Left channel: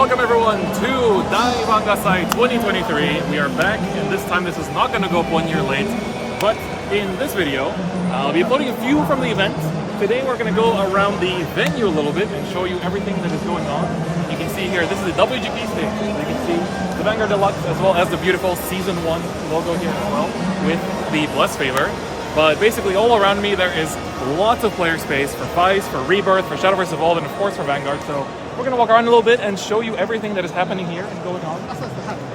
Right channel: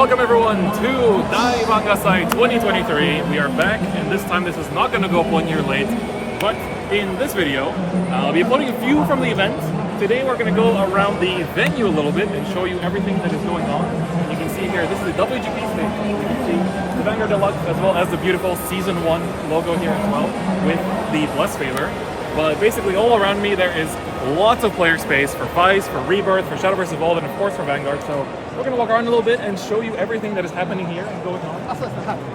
welcome everyone to Vanguard 2023. We are back, and this time this is not going to go up 1 year late. But in this video, I'll be uploading a few from the event. Today we're going to go around the venue a little bit and show you everything that is going on. You can see here, this is the WGP stage. You can see the Vanguard Deluxe as well as the beautiful Season 1 logo here as well with the Blasphemer. But basically all around me there is lots of player space for Weiss, for Rebirth, for Shadowverse Evolve, and of course for Vanguard. So we're going to walk around a little bit and show you everything that is happening here and going on.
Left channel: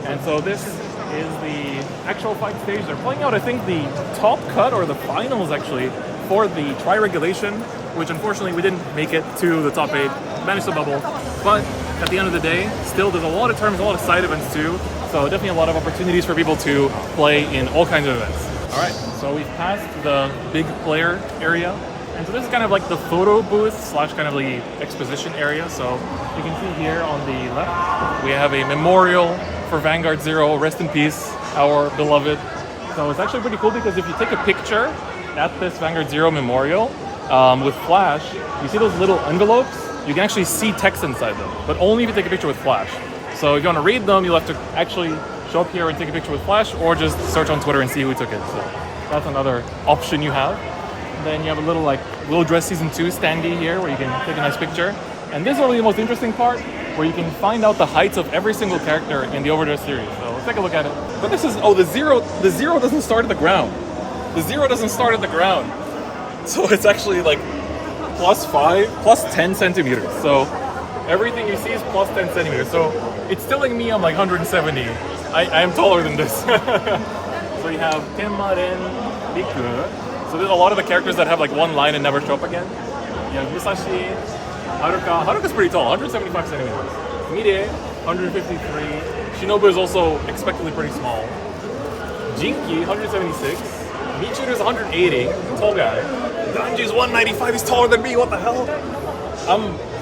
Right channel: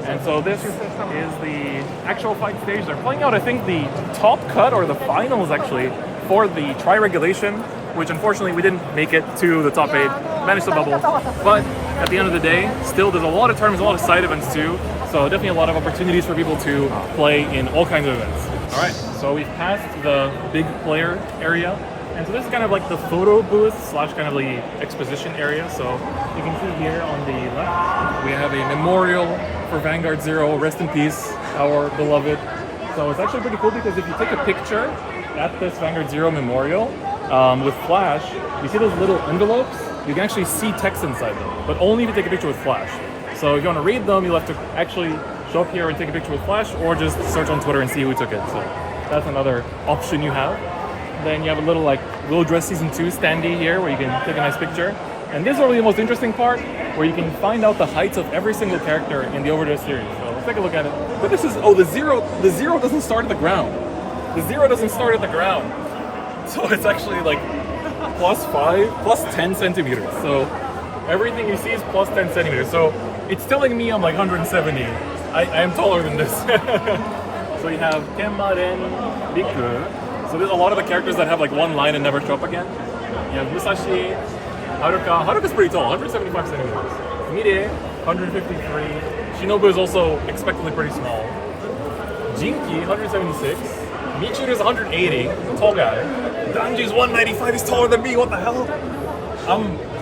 And so this is the actual fight stage. They're playing out, I think, the top cut or the finals actually for the tri-regulation, which unfortunately we didn't make it to the top 8, managed to bubble. But at the end of the day, still there's a lot of tournaments, a lot of side events too. So definitely a lot of opportunities for people to play in all kinds of events. All right, so we've passed the big player area. And so this is kind of like the photo booth slash kind of the exposition area. So you can see here on the left, we have a memorial for Vanguard Zero. Rest in peace, our beloved. So it's actually pretty cool because if you take a picture at this Vanguard Zero memorial with Flash, you see those little envelopes? You can actually see text inside them, but only if you take a picture with Flash. So if you want to read them, you'll have to actually show up here and take a picture with Flash, or just search on Twitter and see who took it. So that's another option you have. Then you have a little like Will Dress Season 2 standee here where you can take a nice picture. And this is probably the most interesting part, where you can find out the heights of every single character in the Overdress series. So let's take a look at it. But this is, the zero doesn't start at the ground. The zero doesn't start at the ground. So it's actually like plus 10 centimeters. So everything you see is plus 10 centimeters. So it's telling me I'm like 170. I'm taller than this. So you have Kenma, Ren, Riku. So there's a lot of the characters that have like one line and never show up again. You have Musashi, Haruka. Haruka's pretty tall, 175 centimeters. Mire, 153. Shinobu is also expectedly pretty small. Jinki, 176. Michiru's 180, tall guy. Danji's 195, he's taller than me, what the hell?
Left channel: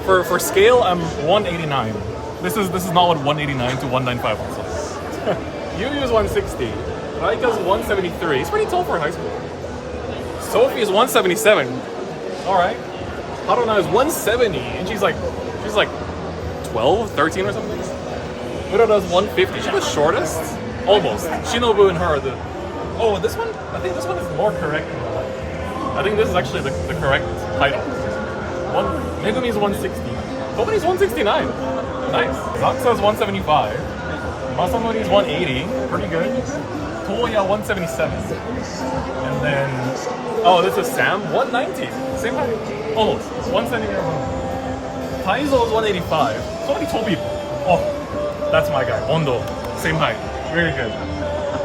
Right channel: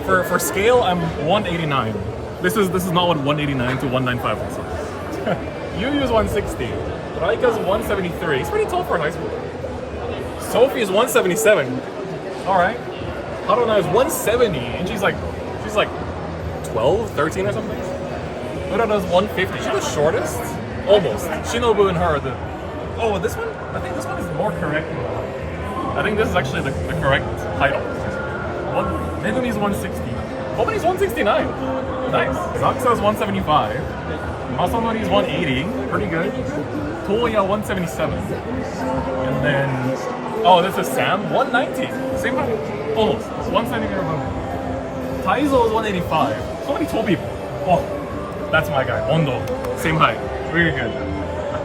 For scale, I'm 189. This is not what 189 to 195 looks like. Yuu's 160. Raika's 173. He's pretty tall for high school. Sophie is 177. Alright. Haruna is 170, and she's like 12, 13 or something. Urara's 150. She's the shortest? Almost. Shinobu and her are the... Oh, this one? I think this one is more correct than the height. I think this is actually the correct title. Megumi's 160. Kobani's 169. Nice. Zaxa's 175. Masanori's 180. Pretty good. Toya 177. And then... Oh, this is Sam, 190. Same height. Almost. 1 centimeter above. Taizo is 185. So many tall people. Oh, that's my guy. Ondo. Same height. Very good.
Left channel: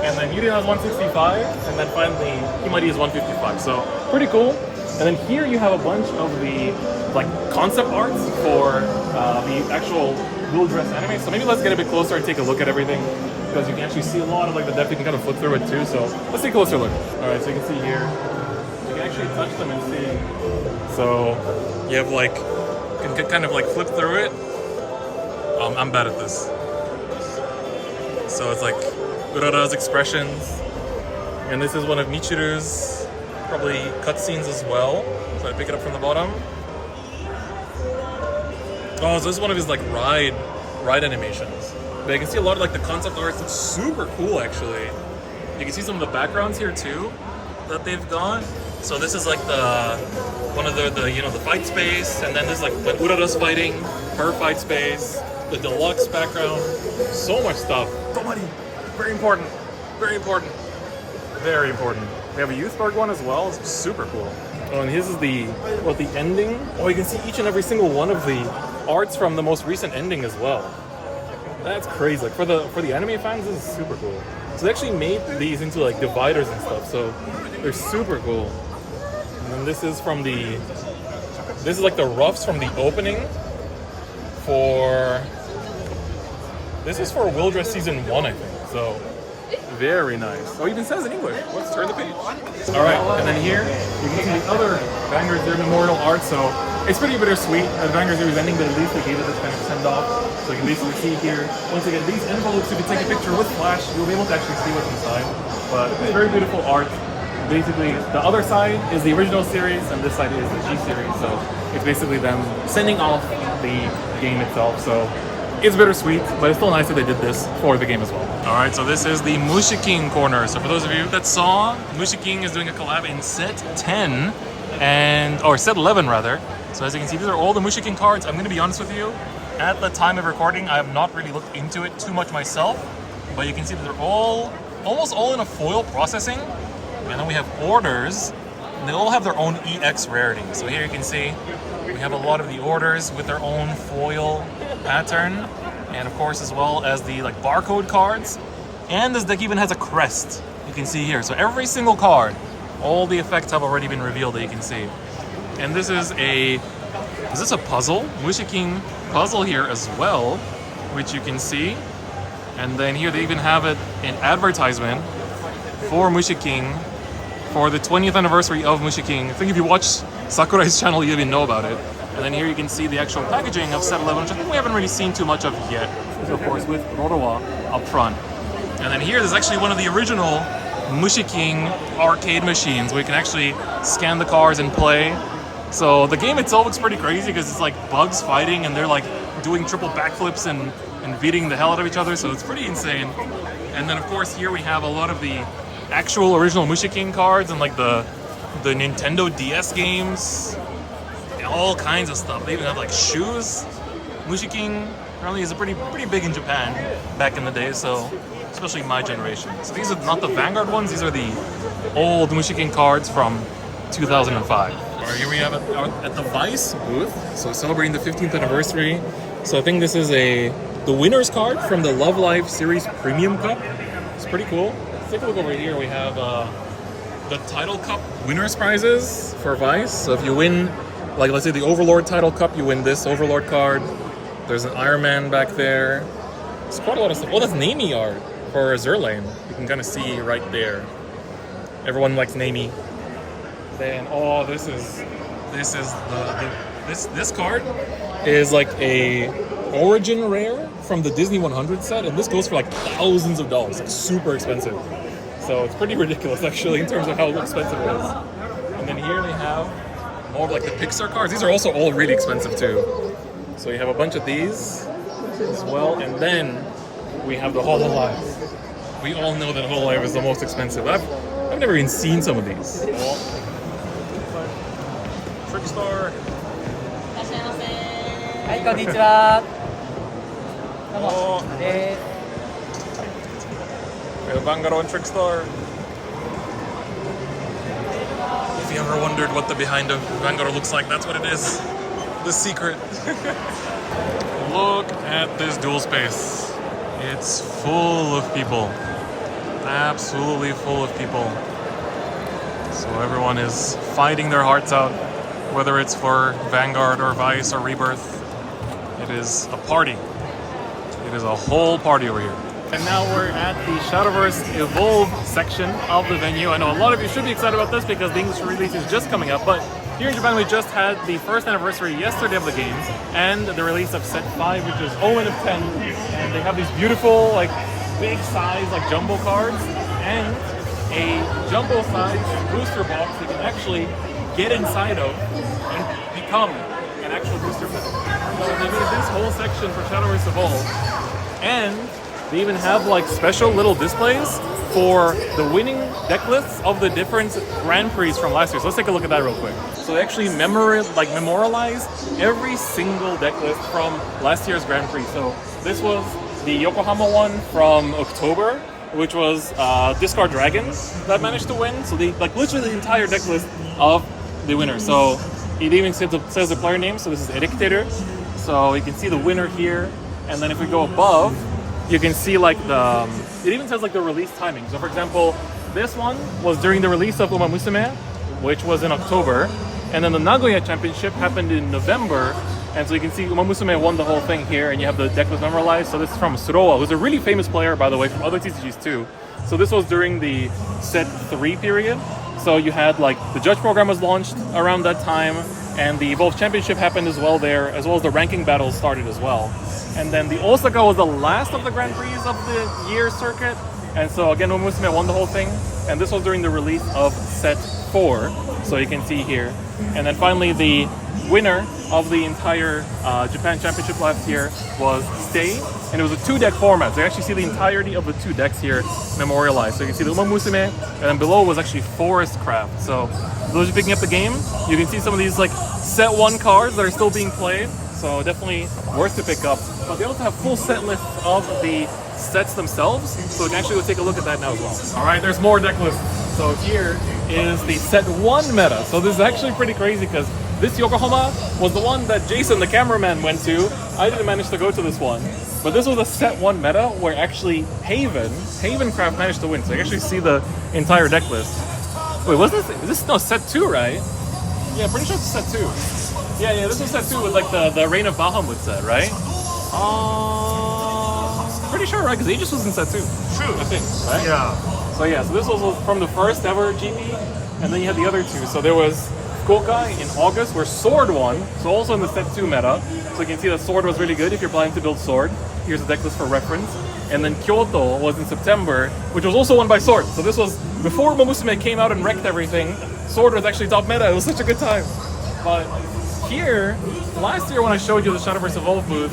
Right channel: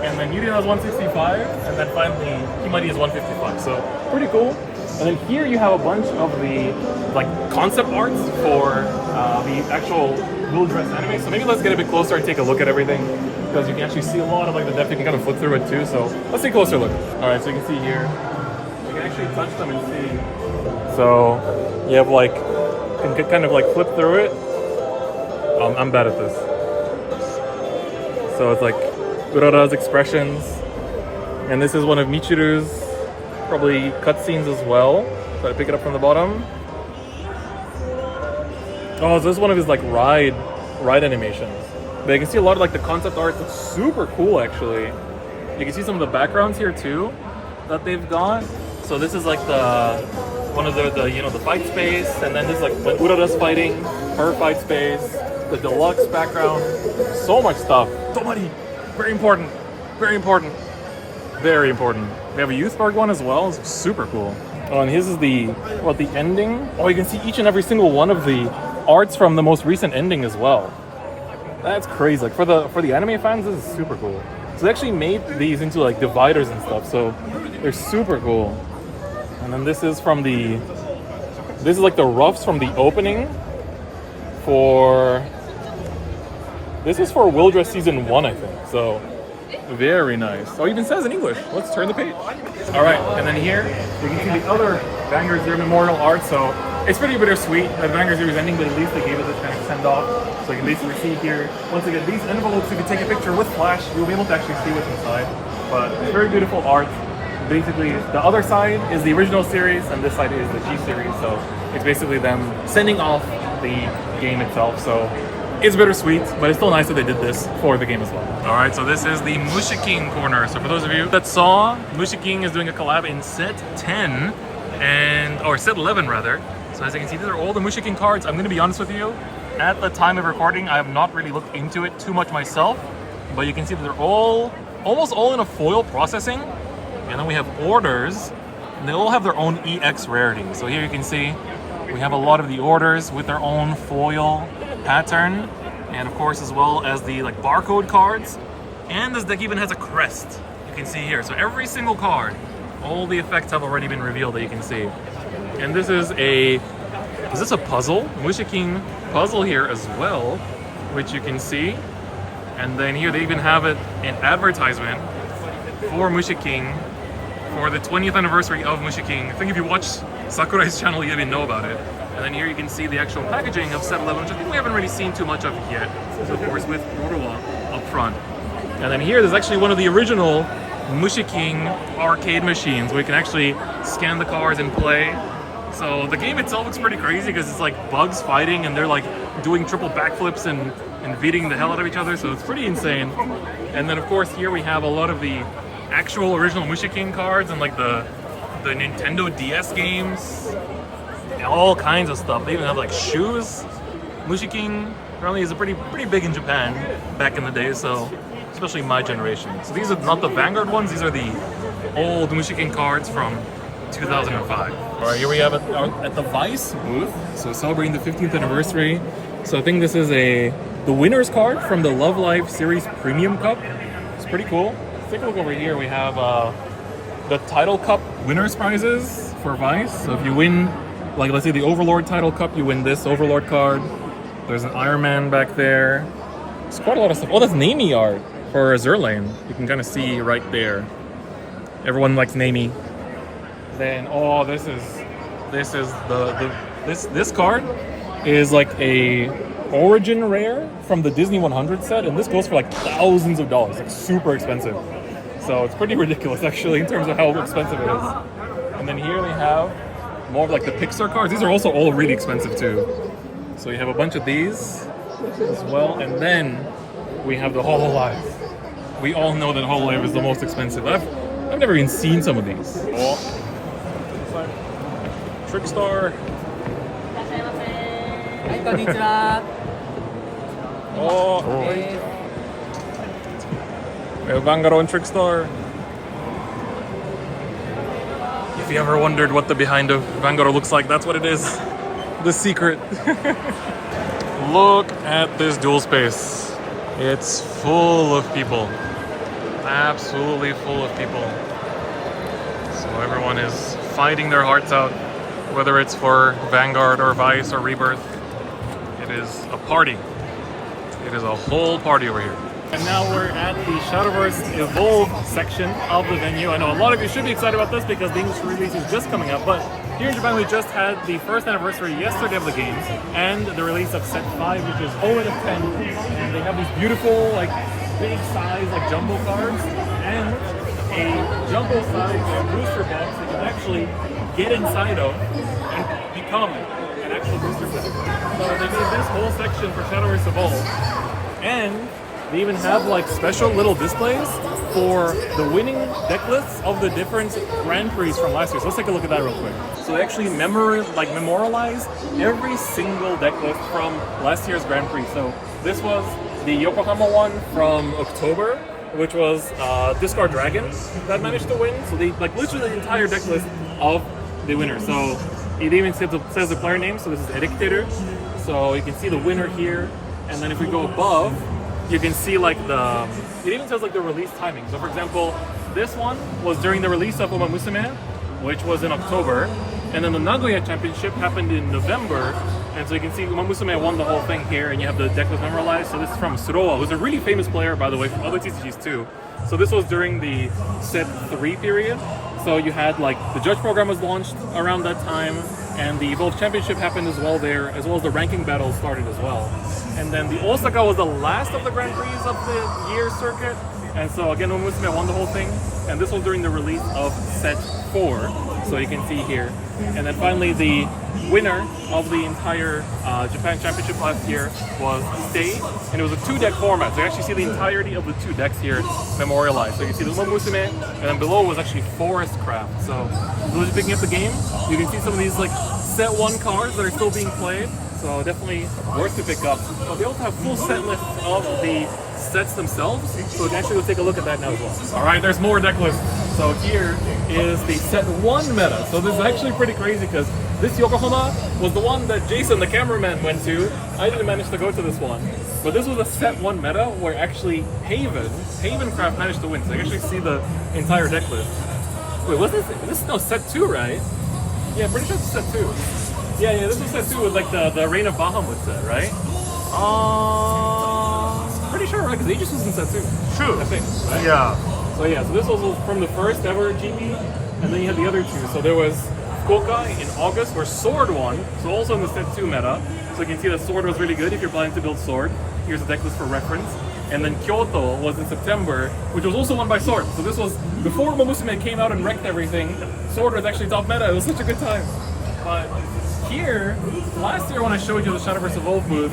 And then Yuri has 165. And then finally, Himari is 155. So, pretty cool. And then here you have a bunch of the like concept arts for the actual Will Dress anime. So maybe let's get a bit closer and take a look at everything, because you can actually see a lot of like the depth. You can kind of flip through it too. So let's take a closer look. All right, so you can see here. You can actually touch them and see. So you have like, you can kind of like flip through it. I'm bad at this. So it's like Urara's expressions. And this is one of Michiru's probably cutscenes as well. So I pick it up from the bottom. Oh, so this is one of his like ride animations. But you can see a lot of like the concept arts. It's super cool actually. You can see some of the backgrounds here too that they've got. So this is like one of the the fight space, and then this is like when Urara's fighting, her fight space, the deluxe background, so much stuff. So many, very important, very important, very important. We have a youth guard one as well. It's super cool. Oh, and his is the ending. Oh, you can see each and every single one of the arts from the most recent ending as well. That's crazy. Like for the anime fans, this is super cool. So they actually made these into like dividers and stuff. So they're super cool. And then this is like the roughs from the opening this is for Will Dress Season 1, I think. So very nice. Oh, it even says in English. Let's turn the page. All right, and then here you can see the other Vanguard Zero memorial art. So it's pretty bittersweet that Vanguard Zero is ending, but at least they gave it this kind of send off. So you can basically see here, once again, these envelopes, if you take a picture with Flash, you'll be able to actually see what's inside. But it's very beautiful art. Basically, the other side is the original series, and this side is the G series. So it's basically them sending off the game itself. So it's bittersweet, but it's still nice that they did this for the game as well. All right, so this is the Mushi King corner. So for those of you that saw, Mushi King is doing a collab in set 10 or set 11 rather. So as you can see, these are all the Mushi King cards. I'm gonna be honest with you, at the time of recording, I have not really looked into it too much myself, but you can see that they're almost all in a foil processing. And then we have orders, and they all have their own EX rarity. So here you can see we have a lot of the orders with their own foil pattern, and of course as well as the like barcode cards. And this deck even has a crest, you can see here. So every single card, all the effects have already been revealed that you can see. And this is this a puzzle? Mushi King puzzle here as well, which you can see. And then here they even have it an advertisement for Mushi King for the 20th anniversary of Mushi King. I think if you watch Sakurai's channel, you already know about it. And then here you can see the actual packaging of set 11, which I think we haven't really seen too much of yet. So of course with Rorowa up front. And then here there's actually one of the original Mushi King arcade machines where you can actually scan the cards and play. So the game itself looks pretty crazy because it's like bugs fighting and they're like doing triple backflips and beating the hell out of each other. So it's pretty insane. And then of course here we have a lot of the actual original Mushi King cards and like the Nintendo DS games and all kinds of stuff. They even have like shoes. Mushi King apparently is pretty big in Japan back in the day, so especially my generation. So these are not the Vanguard ones, these are the old Mushi King cards from 2005. All right, here we have it at the Weiss booth, so celebrating the 15th anniversary. So I think this is the winner's card from the Love Life Series Premium Cup. It's pretty cool. Let's take a look over here. We have the Title Cup winners prizes for Weiss. So if you win, like let's say the Overlord Title Cup, you win this Overlord card. There's an Iron Man back there. It's quite a lot of stuff. Oh, that's Nami art for Zerlane. You can kind of see right there. Everyone likes Nami. Then this card is like a origin rare from the Disney 100 set, and this goes for like thousands of dollars. It's super expensive. So it's pretty ridiculous actually in terms of how expensive it is. And then here we have more of like the Pixar cards. These are also all really expensive too. So you have a bunch of these as well, and then we have the Hololive. We all know that Hololive is the most expensive. I've never even seen some of these. Trickstar. はい、こんにちは。We have Vanguard and Trickstar. If you ever wondered what the behind of Vanguard looks like, that's what it is. The secret. Look at this duel space. It's full of people. Absolutely full of people. So everyone is fighting their hearts out, whether it's for Vanguard or Weiss or Rebirth. It is a party. It is a whole party over here. And now we're at the Shadowverse Evolve section of the venue. I know a lot of you should be excited about this because the English release is just coming up, but here in Japan we just had the first anniversary yesterday of the games and the release of set 5, which is 0 of 10, and they have these beautiful like big size like jumbo cards and a jumbo size booster box that you can actually get inside of and become an actual booster pack. So they made this whole section for Shadowverse Evolve, and they even have like special little displays for the winning deck lists of the different Grand Prix from last year. So let's take a look at that real quick. So they actually memorialize every single deck list from last year's Grand Prix. So this was the Yokohama one from October, which was Discard Dragons that managed to win. So they like literally the entire deck list of the winner. So it even says the player name. So this is Edictator. So you can see the winner here, and then if we go above, you can see like it even says like the release timing. So for example, this one was during the release of Uma Musume, which was in October, and then the Nagoya Championship happened in November, and so you can see Uma Musume won the whole thing here, and you have the deck list memorialized. So this is from Suroa, who's a really famous player, by the way, from other TCGs too. So this was during the set 3 period. So you had like the judge program was launched around that time, and the Evolve Championship happened as well there, as well as the ranking battles started as well. And then the Osaka was the last of the Grand Prix of the year circuit, And so again, Musume won the whole thing, and this was during the release of set 4, so you can see here. And then finally, the winner of the entire Japan Championship last year was Stay, and it was a 2-deck format. So you actually see the entirety of the 2 decks here memorialized. So you can see the Uma Musume, and then below was actually Forest Craft. So for those of you picking up the game, you can see some of these like set 1 cards that are still being played. So definitely worth to pick up. But they also have full set lists of the sets themselves, so we can actually go take a look at that now as well. All right, there's more deck lists. So here is the set 1 meta. So this is actually pretty crazy because this Yokohama was the one that Jason, the cameraman, went to. I didn't manage to go to this one, but this was a set 1 meta where actually Havencraft managed to win. So you can actually see the entire deck list. Wait, this is no set 2, right? Yeah, pretty sure it's set 2. Yeah, this was set 2 with like the Reign of Bahamut set, right? Pretty sure, right? Because Aegis was in set 2. True. I think, right? Yeah. So this was from the first ever GP, and then you had the other 2. So there was Fukuoka in August where Sword won, so also in the set 2 meta. So you can see that Sword was really good if you're planning to build Sword. Here's the deck list for reference. And then Kyoto was in September, which was also won by Sword. So this was before Momusume came out and wrecked everything. Sword was actually top meta. It was such a good time. But here, last year when I showed you the Shadowverse Evolve booth,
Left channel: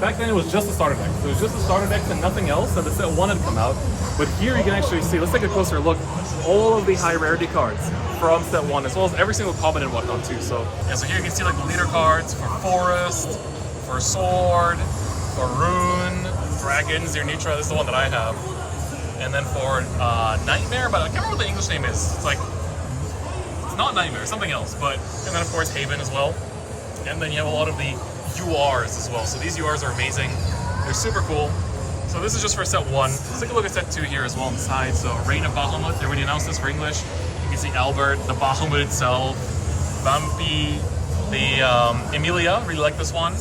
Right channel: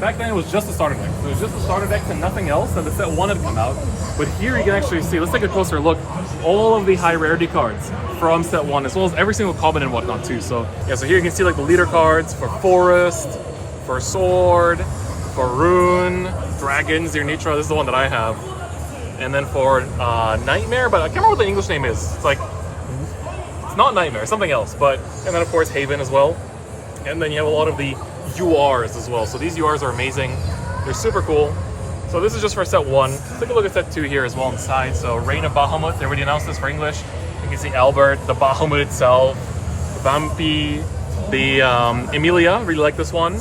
back then it was just the starter deck. So it was just the starter decks and nothing else, and the set 1 had come out. But here you can actually see, let's take a closer look, all of the high rarity cards from set 1, as well as every single common and whatnot too. So yeah, so here you can see like the leader cards for Forest, for Sword, for Rune, Dragons, your Nitra, this is the one that I have. And then for Nightmare, but I can't remember what the English name is. It's like, it's not Nightmare, something else. But, and then of course Haven as well. And then you have a lot of the URs as well. So these URs are amazing. They're super cool. So this is just for set 1. Let's take a look at set 2 here as well inside. So Reign of Bahamut, they already announced this for English. You can see Albert, the Bahamut itself, the Vampi, the Emilia, really like this one.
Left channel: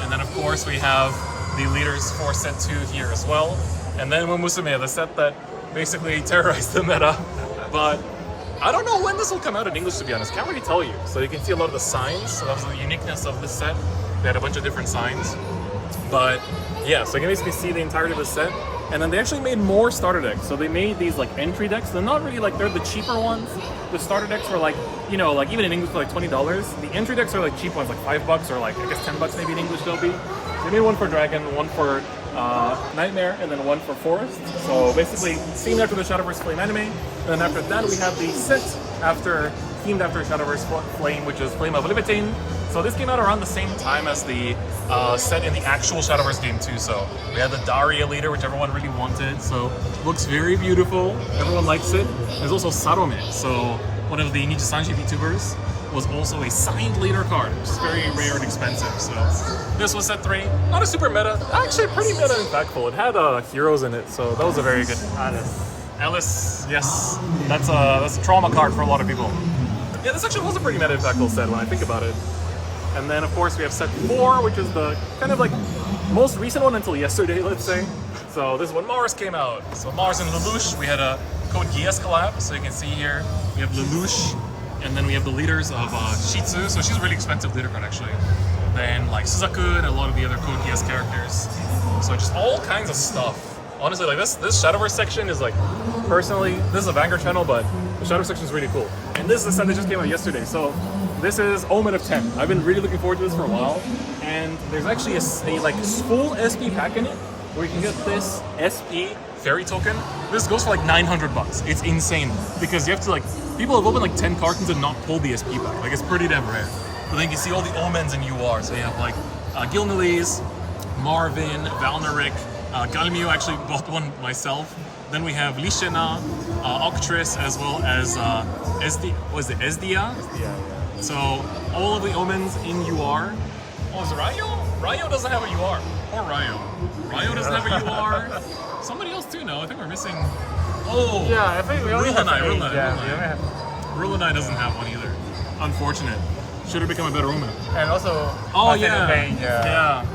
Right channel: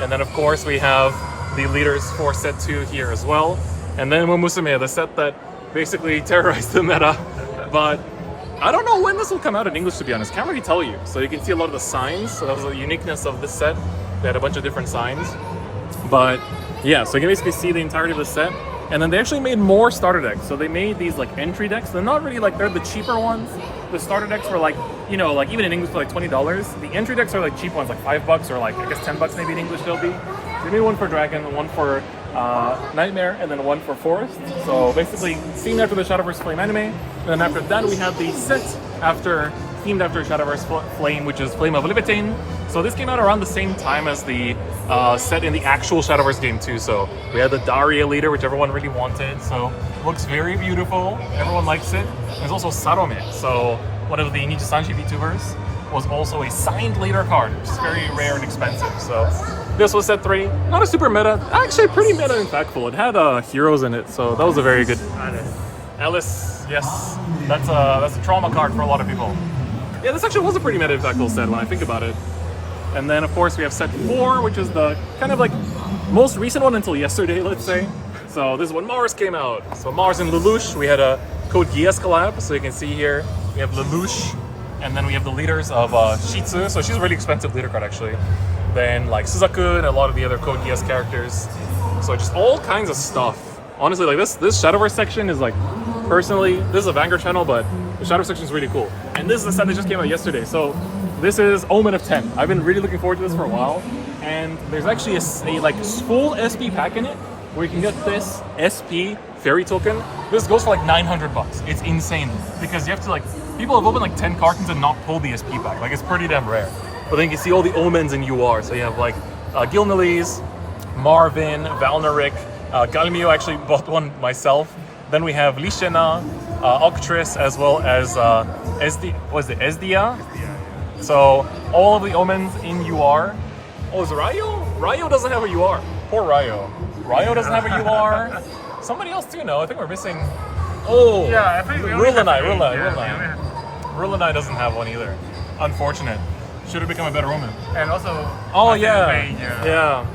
And then of course we have the leaders for set 2 here as well. And then Musume, the set that basically terrorized the meta. But I don't know when this will come out in English, to be honest. Can't really tell you. So you can see a lot of the signs. So that's the uniqueness of this set. They had a bunch of different signs. But yeah, so you can basically see the entirety of the set. And then they actually made more starter decks. So they made these like entry decks. They're not really like, they're the cheaper ones. The starter decks were like, you know, like even in English for like $20. The entry decks are like cheap ones, like $5 or like, I guess $10 maybe in English they'll be. So they made one for Dragon, one for Nightmare, and then one for Forest. So basically, scene after the Shadowverse Flame anime. And then after that we have the set themed after Shadowverse Flame, which is Flame of Libertine. So this came out around the same time as the set in the actual Shadowverse game too. So we had the Daria leader, which everyone really wanted. So it looks very beautiful. Everyone likes it. There's also Sarome. So one of the Nichisanji VTubers was also a signed leader card, which is very rare and expensive. So this was set 3. Not a super meta, actually pretty meta impactful. It had heroes in it, so that was a very good. Alice, yes, that's a trauma card for a lot of people. Yeah, this actually was a pretty meta impactful set when I think about it. And then of course we have set 4, which is the kind of like most recent one until yesterday, let's say. So this is when Mars came out. So Mars and Lelouch, we had a Code Geass collab, so you can see here we have Lelouch. And then we have the leaders of Shitsu, so she's a really expensive leader card actually. Then like Suzaku and a lot of the other Code Geass characters. So just all kinds of stuff. Honestly, like this Shadowverse section is like, personally, this is a Vanguard channel, but the Shadowverse section is really cool. And this is the set that just came out yesterday. So this is Omen of 10. I've been really looking forward to this for a while. And there's actually a like full SP pack in it, where you can get this SP fairy token. This goes for like $900. It's insane because you have to like, people have opened like 10 cartons and not pulled the SP pack. Like it's pretty damn rare. But then you can see all the omens in UR. So you have like Gilnelis, Marvin, Valneric, Galmio, actually bought one myself. Then we have Lishena, Octris, as well as Ezdia? Yeah. So all of the omens in UR. Oh, is Ryo? Ryo doesn't have a UR. Poor Ryo. Ryo doesn't have a UR. Somebody else too, no? I think we're missing. Oh, yeah, I think we only have Rulanai doesn't have one either. Unfortunate. Should have become a better omen. And also, yeah.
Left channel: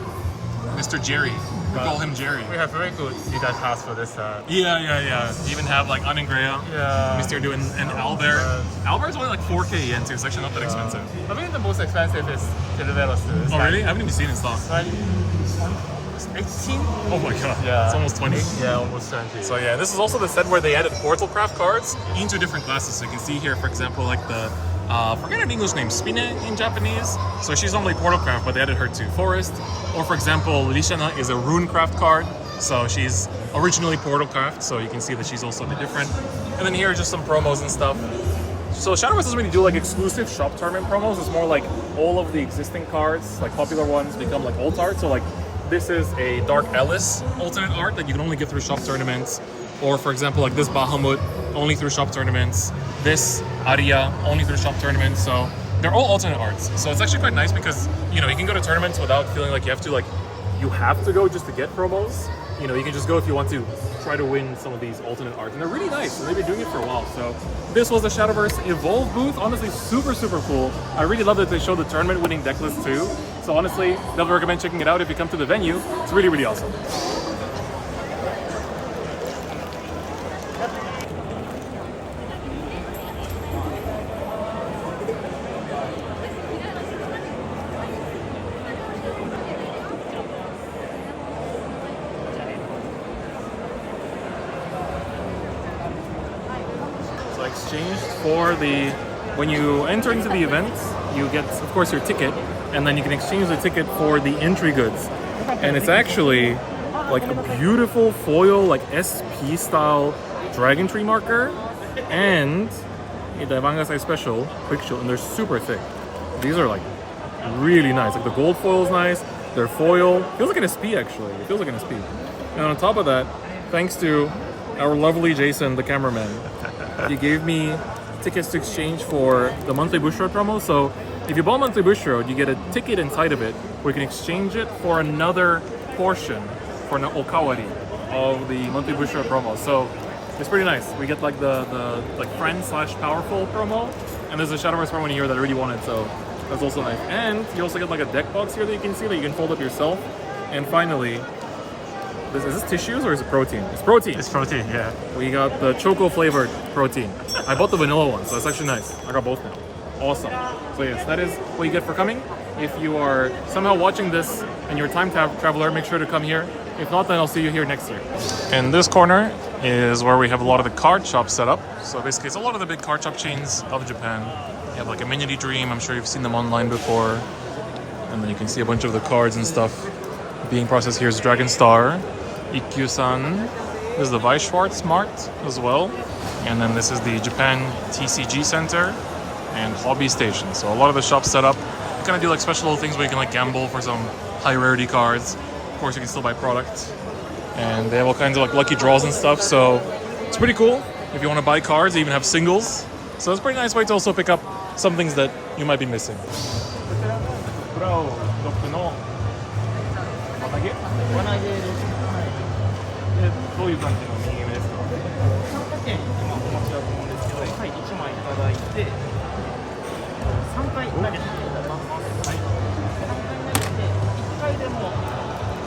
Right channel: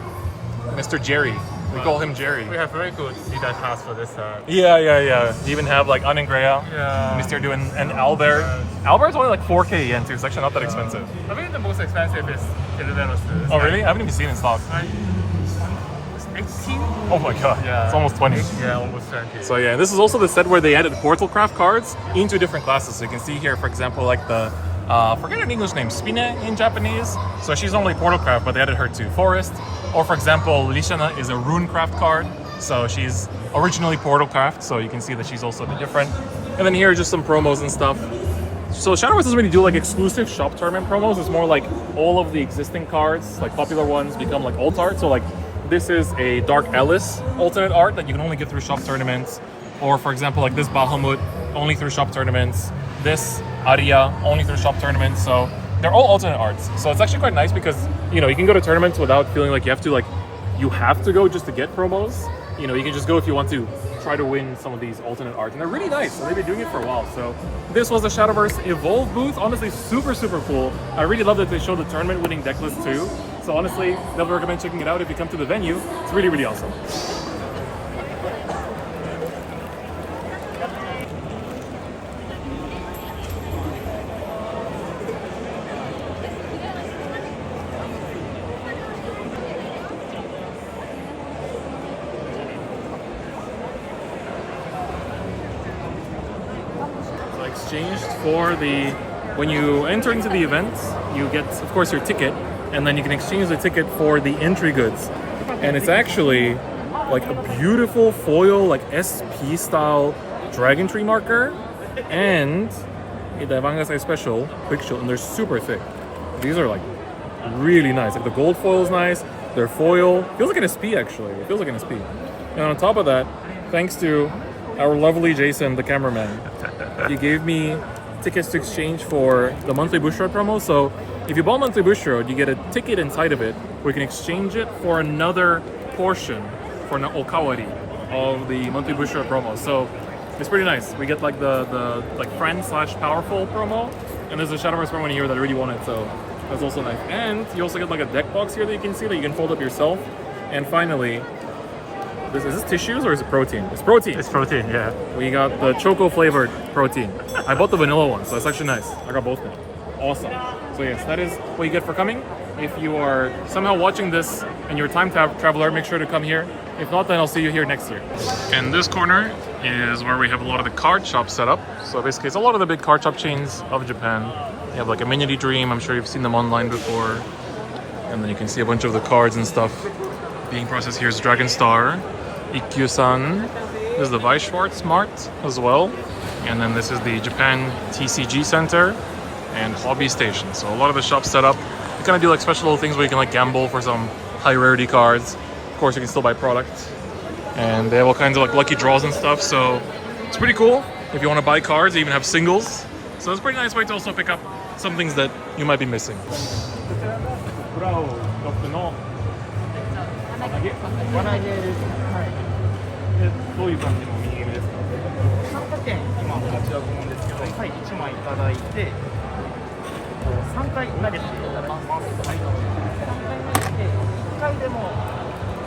Mr. Jerry. We call him Jerry. We have very good Jedi pass for this. Yeah. You even have like Anengrea, Mr. Du, and Albert. Albert's only like 4K yen too. It's actually not that expensive. I think the most expensive is Televelos. Oh really? I haven't even seen it stop. Like Oh my god, Yeah. it's almost 20. Yeah, almost 20. So yeah, this is also the set where they added Portal Craft cards into different classes. So you can see here, for example, like the, forget an English name, Spine in Japanese. So she's normally Portal Craft, but they added her to Forest. Or for example, Lishana is a Rune Craft card. So she's originally Portal Craft, so you can see that she's also different. And then here are just some promos and stuff. So Shadowverse doesn't really do like exclusive shop tournament promos. It's more like all of the existing cards, like popular ones, become like alt art. So like this is a Dark Ellis alternate art that you can only get through shop tournaments. Or for example, like this Bahamut, only through shop tournaments. This Arya, only through shop tournaments. So they're all alternate arts. So it's actually quite nice because, you know, you can go to tournaments without feeling like you have to go just to get promos. You know, you can just go if you want to try to win some of these alternate arts. And they're really nice, and they've been doing it for a while. So this was the Shadowverse Evolve booth. Honestly, super, super cool. I really love that they showed the tournament winning deck list too. So honestly, definitely recommend checking it out if you come to the venue. It's really, really awesome. So I exchanged for the, when you enter into the event, you get, of course, your ticket, and then you can exchange the ticket for the entry goods. And it's actually like a beautiful foil, like SP style dragon tree marker, and the Vanguard special quick shield, and they're super thick. These are like really nice. Like the gold foil is nice. Their foil feels like an SP actually. It feels like an SP. And on top of that, thanks to our lovely Jason, the cameraman, he gave me tickets to exchange for the monthly Bushiroad promo. So if you buy monthly Bushiroad, you get a ticket inside of it where you can exchange it for another portion for an Okawari of the monthly Bushiroad promo. So it's pretty nice. We get like the like friend / powerful promo, and there's a Shadowverse promo in here that I really wanted, so that's also nice. And you also get like a deck box here that you can see that you can fold up yourself. And finally, is this tissues or is it protein? It's protein. It's protein, yeah. We got the choco flavored protein. I bought the vanilla one, so that's actually nice. I got both now. Awesome. So yes, that is what you get for coming. If you are somehow watching this and you're a time traveler, make sure to come here. If not, then I'll see you here next year. And this corner is where we have a lot of the card shops set up. So basically, it's a lot of the big card shop chains of Japan. You have like Amenity Dream. I'm sure you've seen them online before. And then you can see a bunch of the cards and stuff being processed. Here's Dragon Star, Ikkyu-san. This is the Weiss Schwarz Mart as well. And then this is the Japan TCG Center and Hobby Station. So a lot of the shops set up. You kind of do like special little things where you can like gamble for some high rarity cards. Of course, you can still buy product. And they have all kinds of like lucky draws and stuff. So it's pretty cool if you want to buy cards. They even have singles. So it's a pretty nice way to also pick up some things that you might be missing. 輪投げです。はい。どういう感じのミニゲームですか？参加券今お持ちだと思うんですけど、はい、1枚いただいて、3回投げていただきます。はい。3回投げて1回でも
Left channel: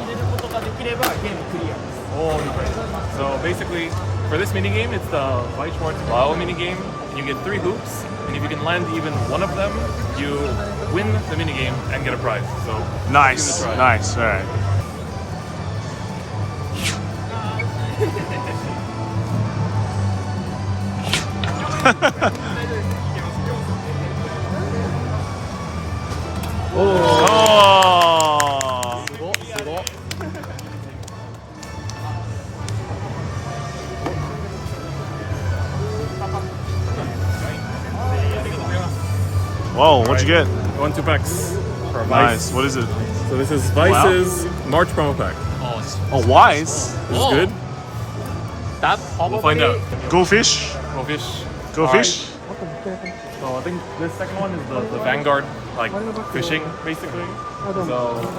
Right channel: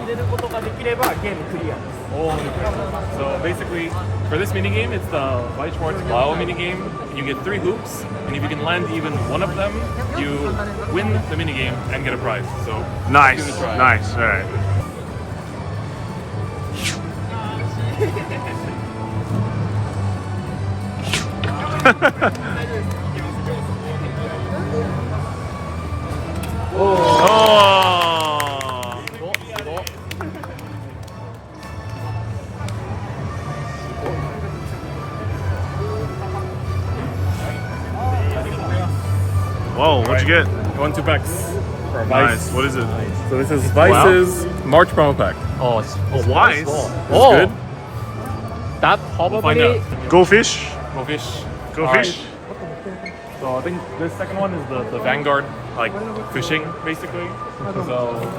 入れることができればゲームクリアです。Oh, great. So basically, for this minigame, it's the Weiss Schwarz Bio minigame. And you get 3 hoops, and if you can land even one of them, you win the minigame and get a prize. So Nice, give it a try. nice, alright. Oh! Whoa, what'd you get? You won 2 packs for Weiss. Nice, what is it? So this is Weiss's March promo pack. Oh, Weiss? This is good. We'll find out. Go fish? Go fish. Go All fish? right. So I think this second one is the Vanguard, like fishing basically. So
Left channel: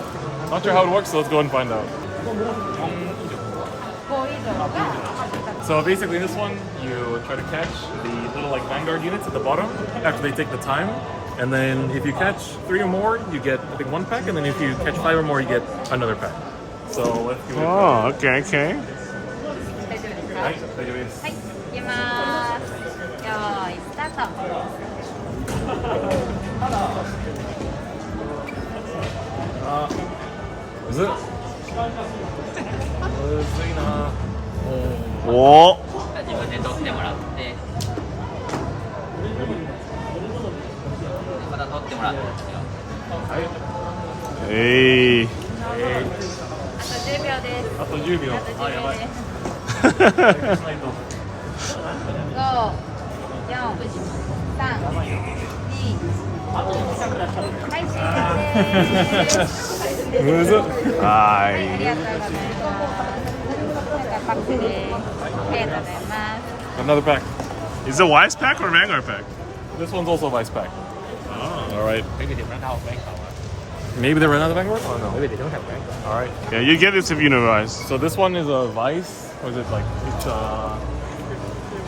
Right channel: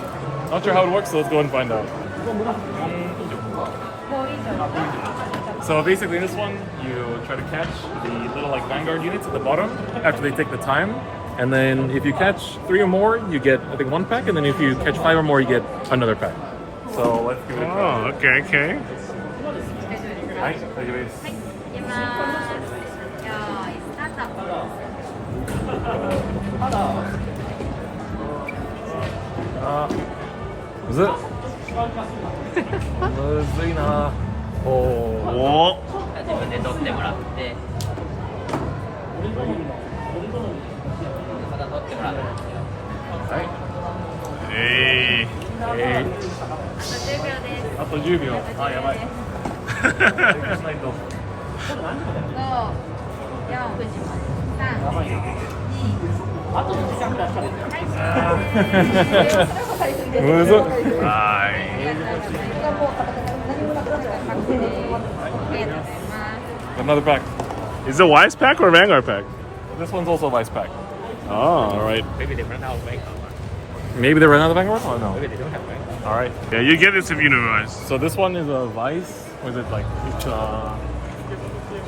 not sure how it works, so let's go and find out. So basically in this one, you try to catch the little like Vanguard units at the bottom after they take the time. And then if you catch 3 or more, you get, I think, 1 pack. And then if you catch 5 or more, you get another pack. So let's give it a try. Oh, okay, okay. はい、大丈夫です。はい、いきます。よーい、スタート。Is it? むずいな。おー。お自分で取ってもらってまた取ってもらってはい。えい。あと10秒です。あと10秒。あ、やばい。5、回復しないと。 4、3、2、はい、むずっ。はありがとうございます。パックです。ありがとうございます。 Another pack. I. Is it Weiss pack or Vanguard pack? This one's also a Weiss pack. Oh. All right. Maybe they ran out of Vanguard? All right. Yeah, you get this if you know Weiss. So this one is a Weiss. What is it like? It's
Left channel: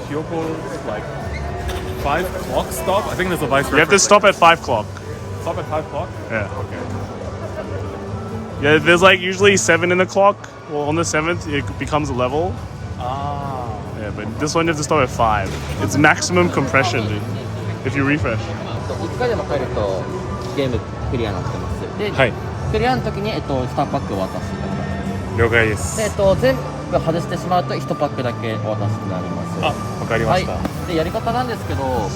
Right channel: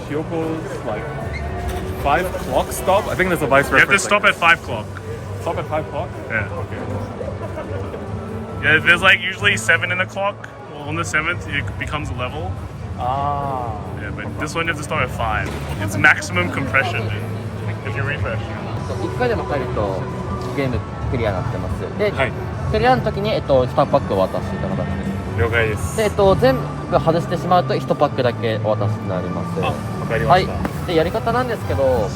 Hyoko's like 5 o'clock stop. I think that's a Weiss You have to reference. stop at 5 o'clock. Stop at 5 o'clock. Yeah. Okay. Yeah, there's like usually 7 in the clock. Well, on the 7th, it becomes a level. Ah. Yeah, but this one you have to start at 5. It's maximum compression, dude. If you refresh. 1回でも入るとゲームクリアになってますで、はい。クリアの時に、スターパックを渡すって形です了解です。で、全部外してしまうと1パックだけお渡しになりますあ、わかりまはいした。でやり方なんですけど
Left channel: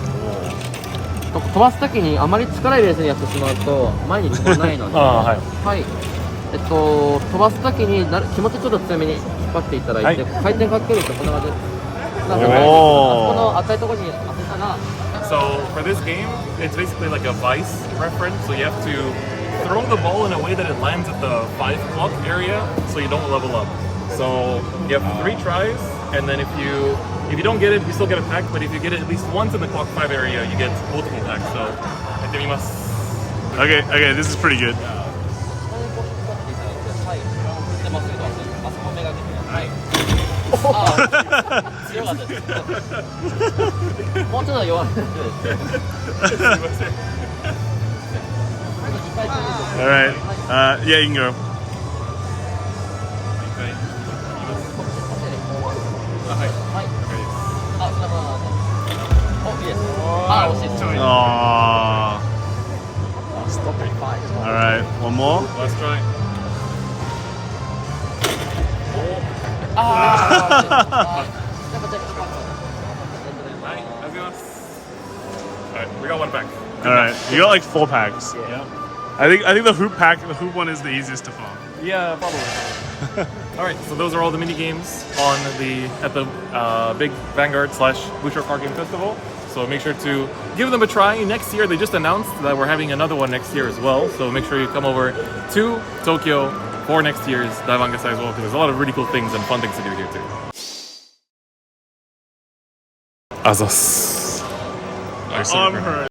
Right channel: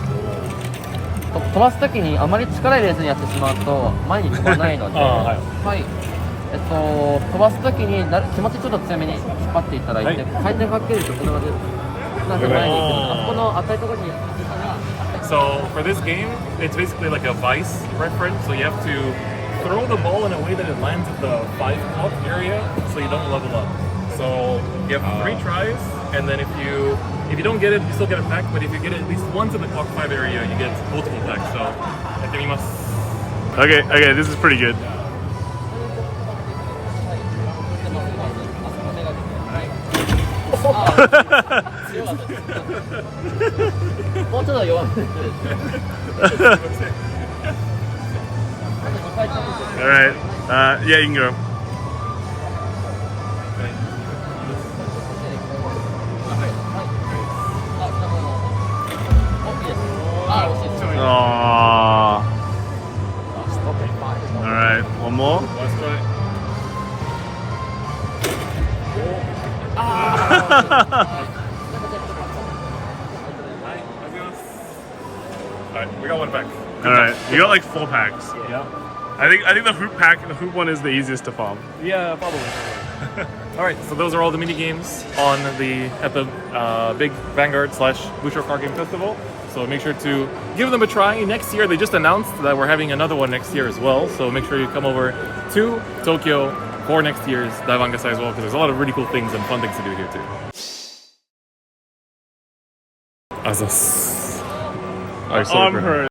飛ばす時にあまり力入れずにやってしまうと前に飛ばないのであはいはい飛ばす時に気持ちちょっと強めに引っ張っていただいて、はい回転かけるとこんな感じなんで前に行くのあそこの赤いところに当てたら So for this game, it's basically like a Weiss reference. So you have to throw the ball in a way that it lands at the 5 o'clock area, so you don't level up. So you have 3 tries, and then if you don't get it, you still get a pack. But if you get it at least once in the clock 5 area, you get multiple packs. So I think you must. Okay, this is pretty good. はいでまっすぐまっすぐあそこ目がけてはい強かったですもうちょっと弱めです Alright. Yeah, you can go. Aww. Alright, one more. Last try. Alright, we got one pack. Alright, you got like 4 packs. Yeah. I think the hoop pack, the hoop one is the easiest to farm. Yeah, probably. All right, so those are all the mini games at the big Vanguard / Bushiroad Card Game Festival. So make sure to give them a try. Next year, they just announced that we're having another one next year as well. So make sure you come over to Tokyo for next year's Vanguard as well, because there's a lot of really cool things and fun things to do here too. Azos. Alright, so Unheard.